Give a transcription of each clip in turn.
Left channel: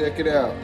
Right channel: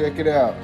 check it out.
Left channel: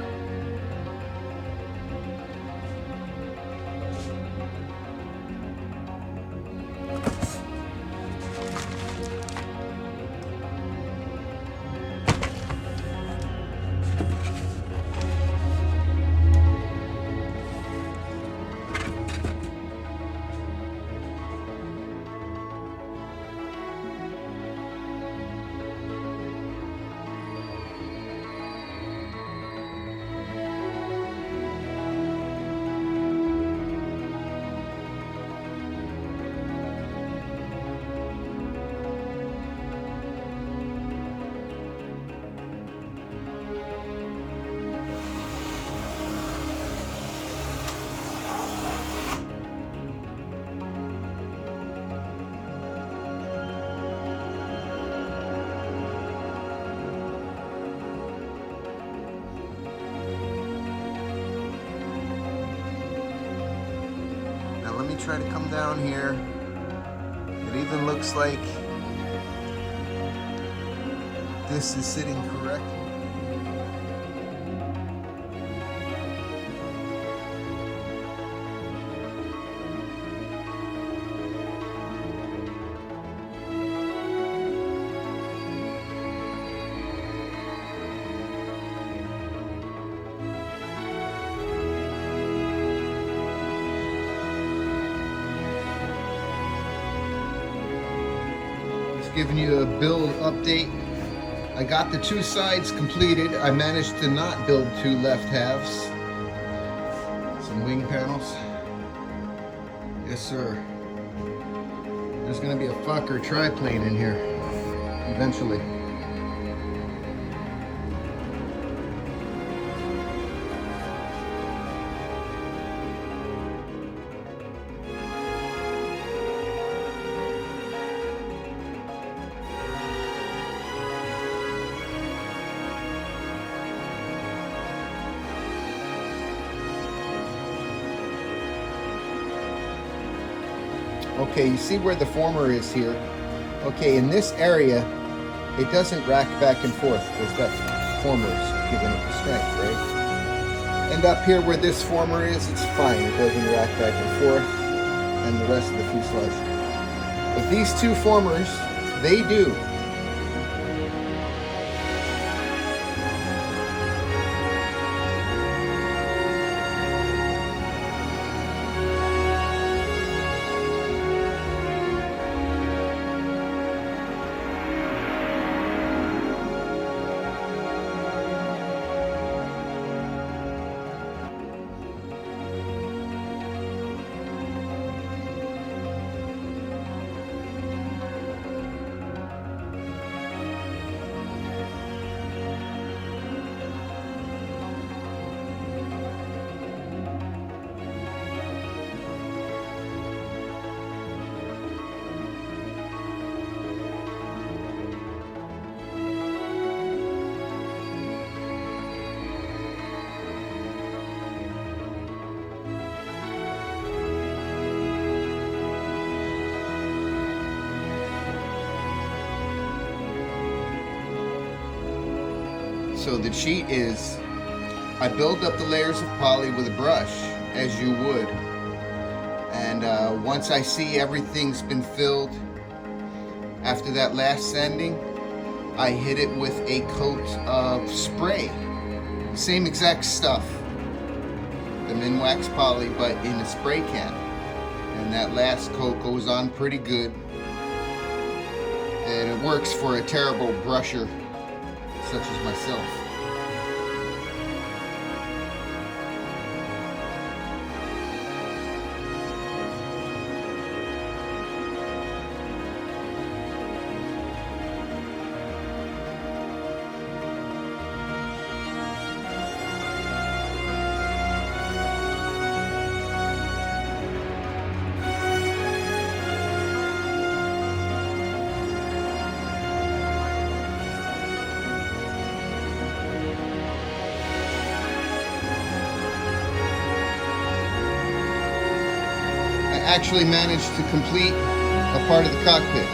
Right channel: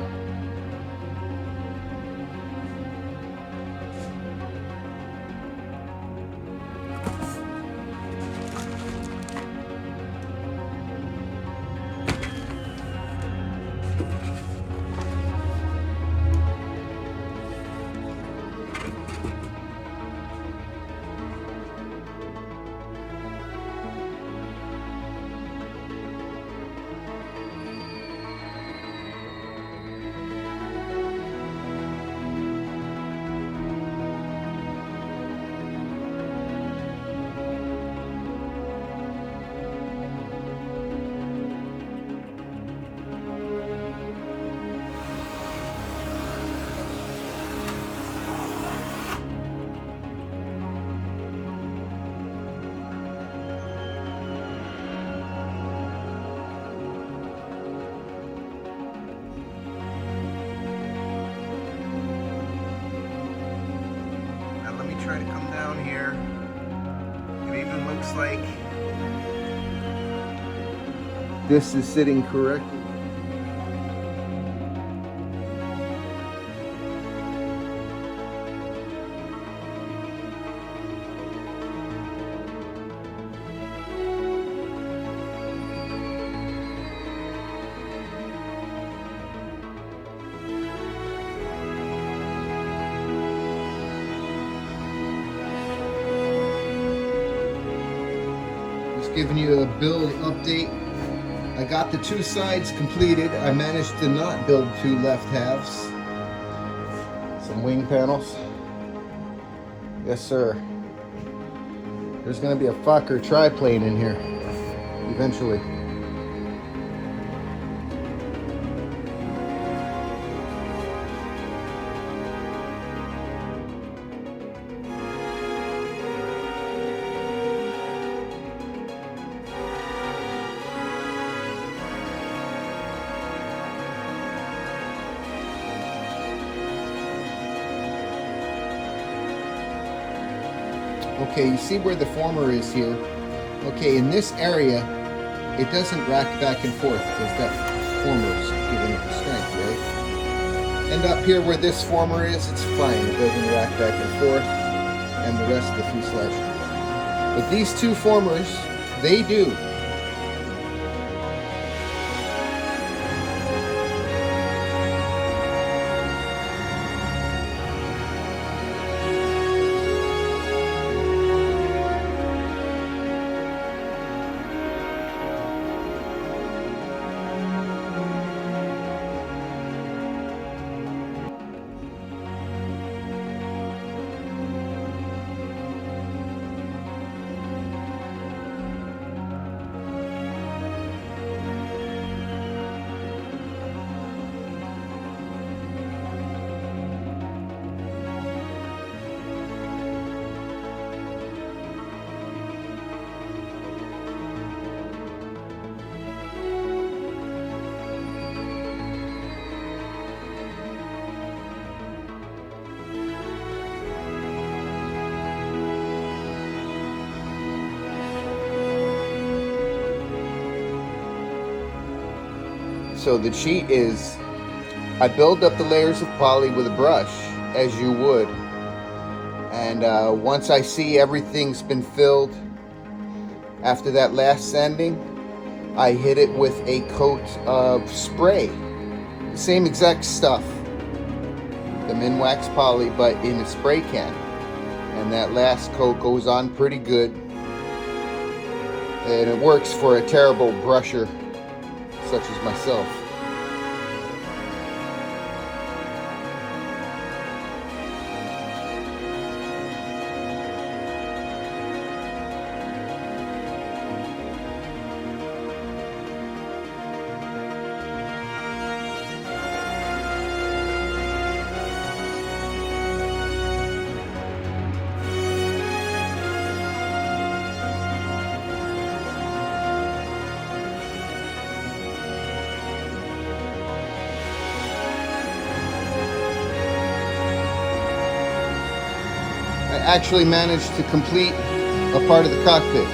Now let me try to come down here. It even looks like this is sitting correctly. Giving you a build update. I got the two sides completed. I managed to not build two left halves. Some wing panels. Yes, sir. There's going to be a Fokker triplane in here eventually. Okay, you see where the former is here. Okay, in this area, it doesn't rack back and forth because that former's giving it the strength, right? And up here where this former is, it's fine. It doesn't rack back and forth, and the rest of the fuselage. But these two formers, they do. So the cheat is, I build up the layers of poly with a brush, as you would. And once I see everything's been filled, after that last sanding, I hit it with a coat of spray. The same exact stuff, the Minwax poly, but in a spray can. And that last coat goes on pretty good. And it works for a terrible brusher such as myself. I actually managed to complete a part of the cockpit.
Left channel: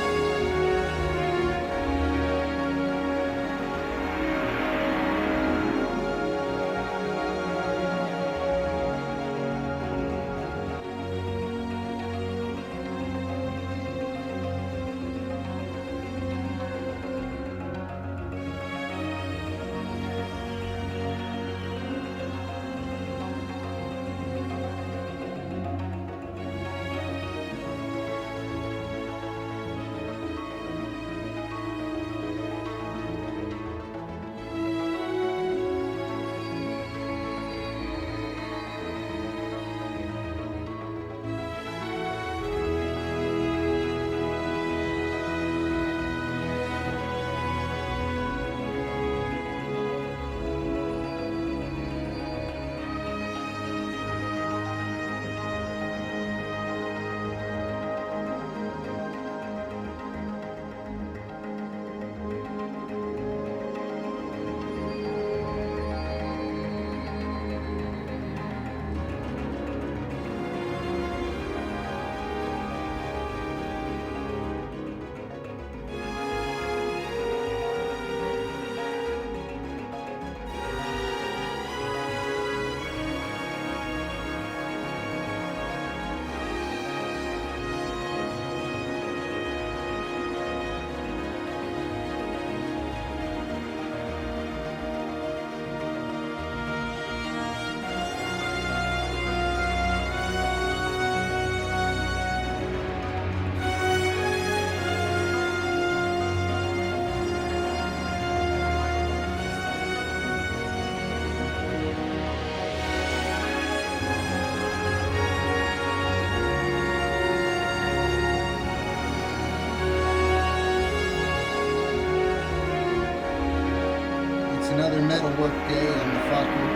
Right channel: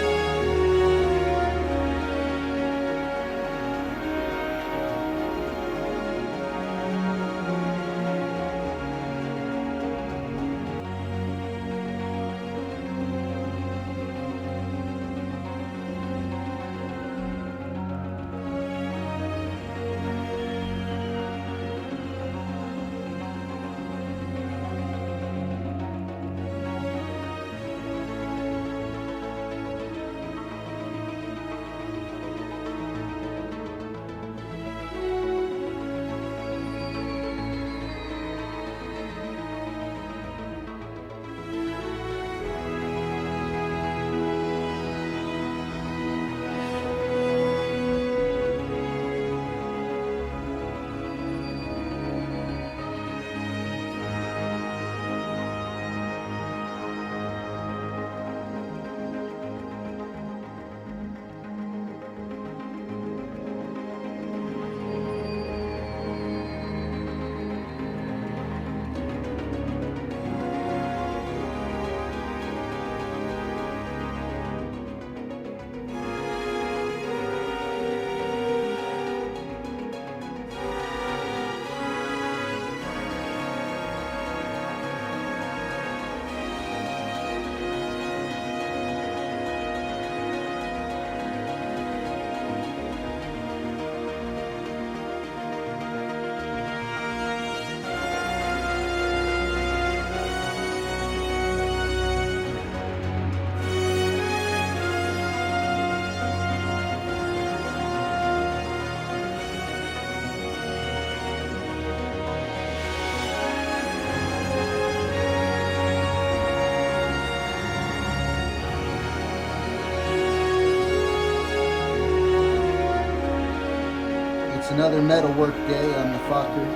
another metal work day on the Fokker.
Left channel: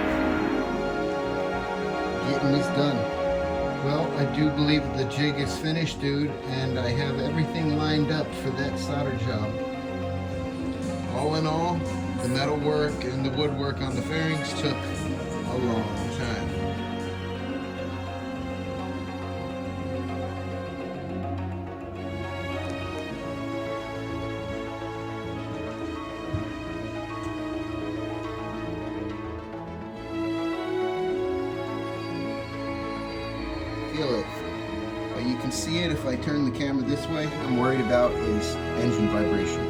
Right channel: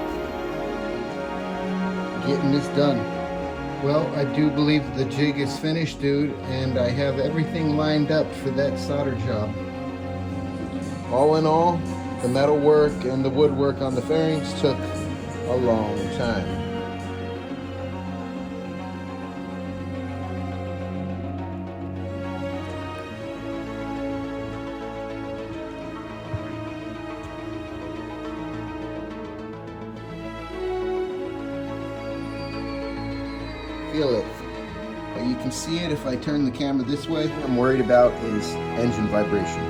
Getting this done. Well, I do believe the jig is finished, dude, and I have everything lined up for that solder job. All in all, the metal work and the woodwork on the fairings took a long time. Feel it, but you can see it if I turn the camera this way. What I'm worried about is engine vibration.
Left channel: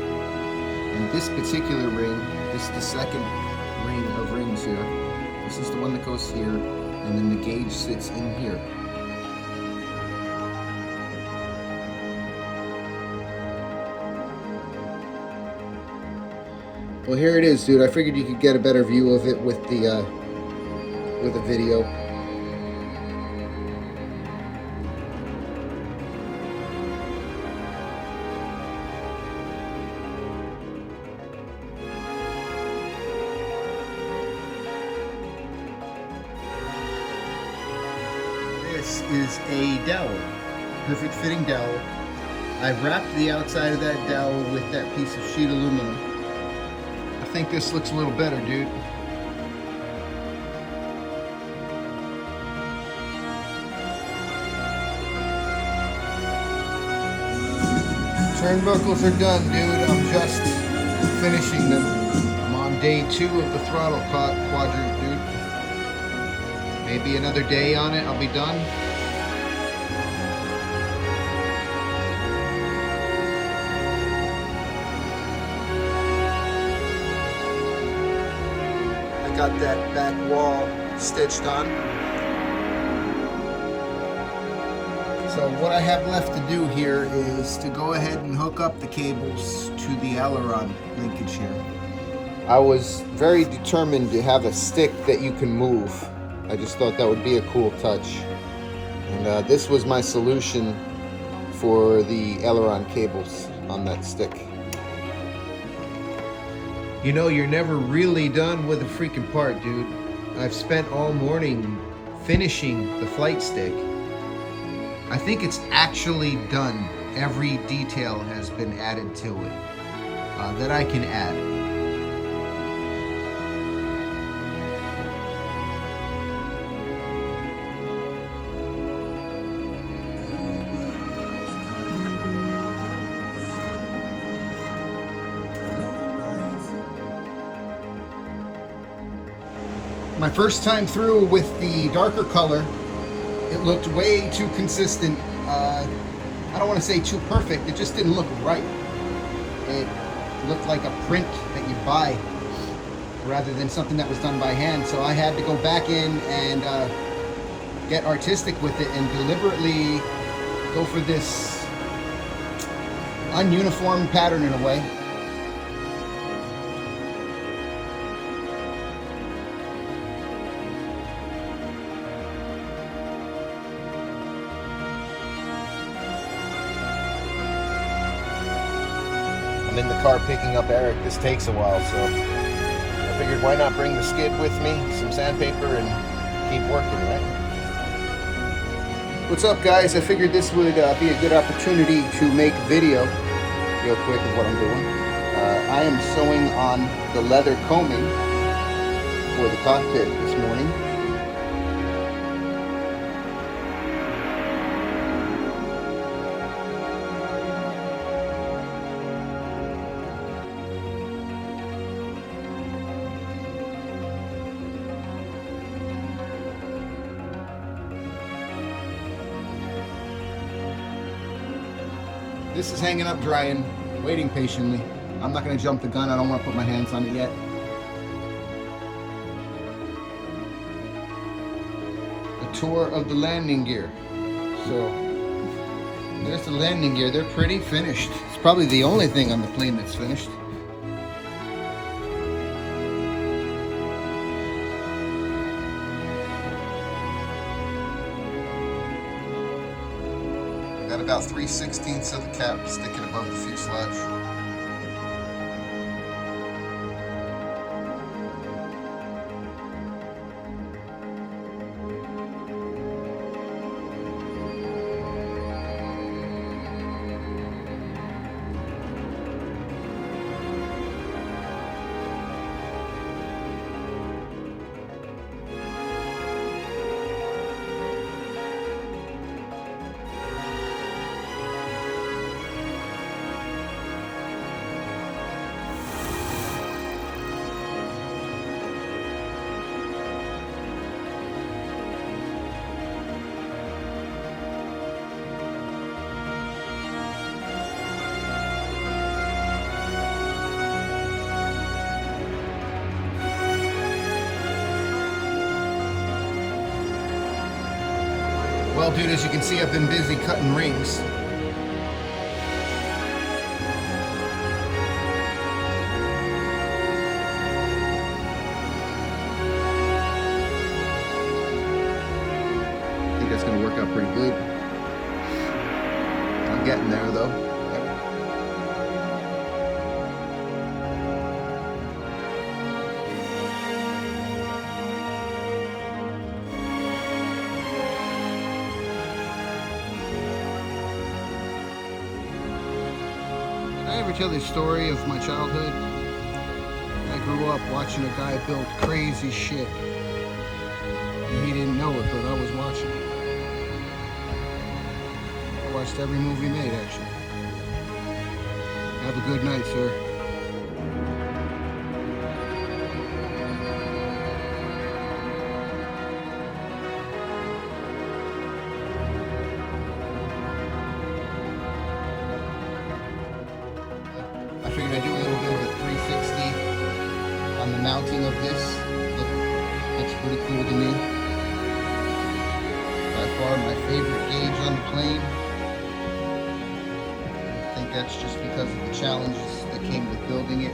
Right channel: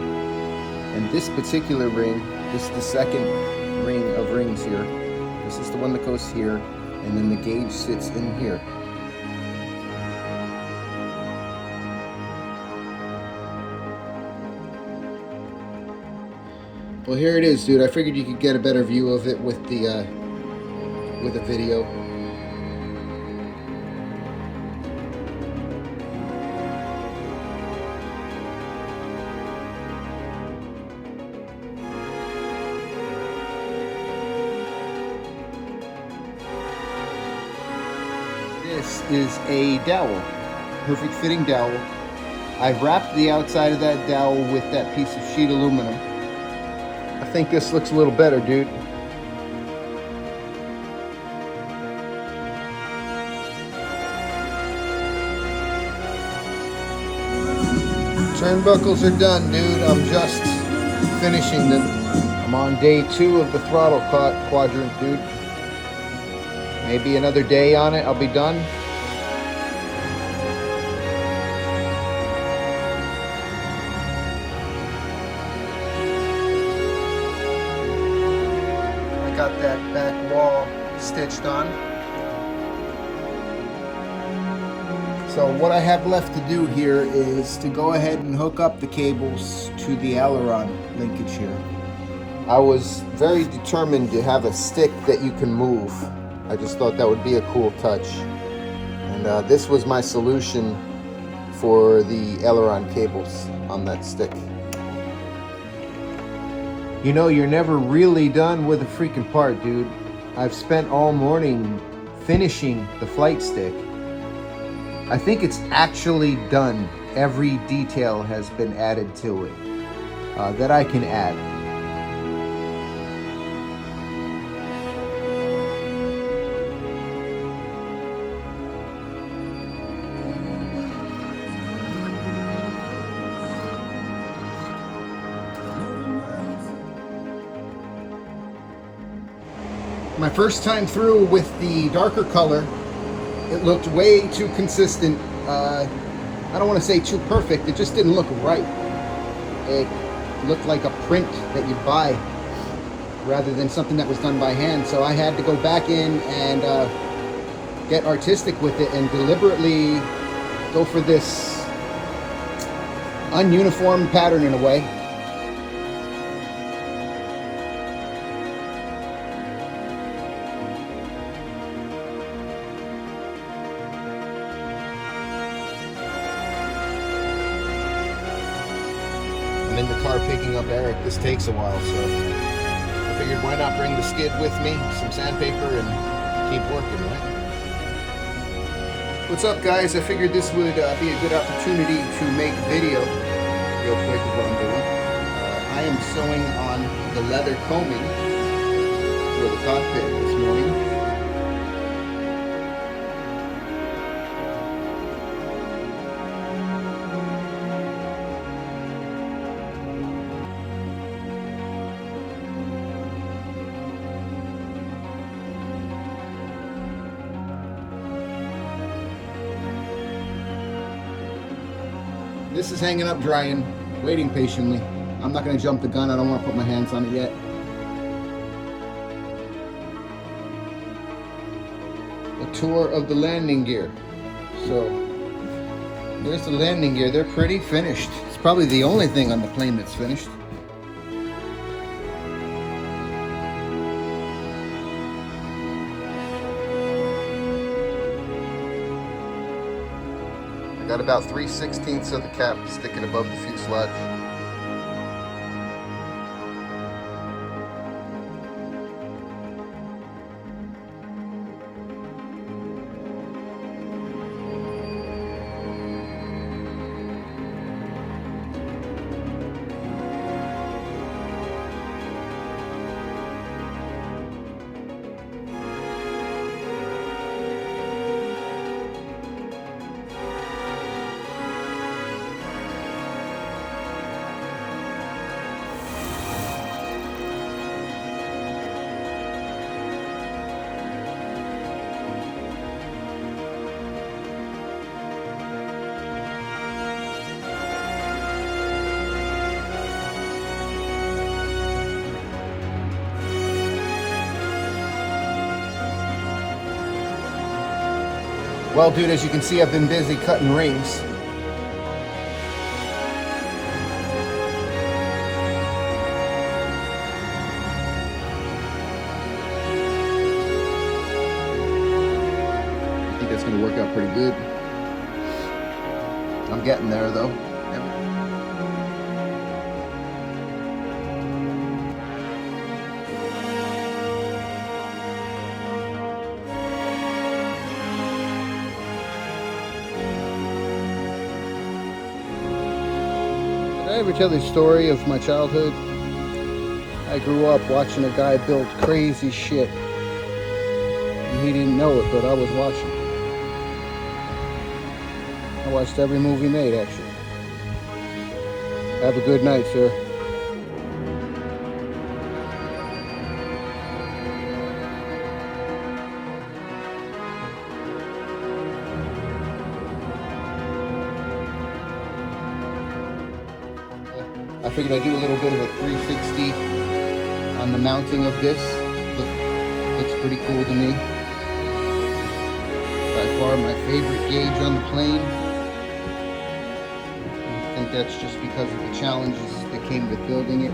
And this particular ring, this is the second ring of rings here. This is the one that goes here, and then the gauge sits in here. Well, here it is, dude. I figured you could get a better view of it with the video. This is a dowel, perfect fitting dowel. I've wrapped the outside of that dowel with that piece of sheet aluminum. I think this looks a little better, dude. Turnbuckles are done, dude. I'm just finishing them. I'm on day 2 of the throttle quadrant, dude. Maybe another day on it, I'll be done. I got that back wall stitched on. So what I have left to do here is to go ahead and hook up the cables to the aileron linkage here. I was very determined to have a stick that you can move. I just thought that would be a cool touch. And this was my solution for the aileron cables on that stick. You know, you're never really done with a freaking part, dude. I've spent all morning finishing the flight stick. I think it's actually done. Every detail has been added to it that I can add. My first time through with the darker color, it looked way too consistent. I don't want to say too perfect, it just didn't look right. It looked like a print that you buy rather than something that was done by hand. So I had to go back in and get artistic with it and deliberately go for this ununiform pattern in a way. I'm in the car picking up Eric. This takes a while, so I figured why not bring the skid with me, some sandpaper, and keep working, right? What's up, guys? I figured this would be a good opportunity to make a video real quick of what I'm doing. I am sewing on the leather combing for the cockpit this morning. This is hanging up drying, waiting patiently. I'm not going to jump the gun. I don't want to put my hands on it yet. A tour of the landing gear. So there's the landing gear. They're pretty finished. It's probably the only thing on the plane that's finished. Got about 3/16 of the cap sticking above the fuselage. Well, dude, as you can see, I've been busy cutting rings. I think that's going to work out pretty good. I'm getting there, though. Did I ever tell the story of my childhood? I grew up watching a guy build crazy shit. And he didn't know it, but I was watching. I watched every movie made, actually. Have a good night, sir. I figured I'd do a little bit of a 360 on the mounting of this. Looks pretty cool to me. By far my favorite gauge on the plane. I think that's just because of the challenges that came with building it.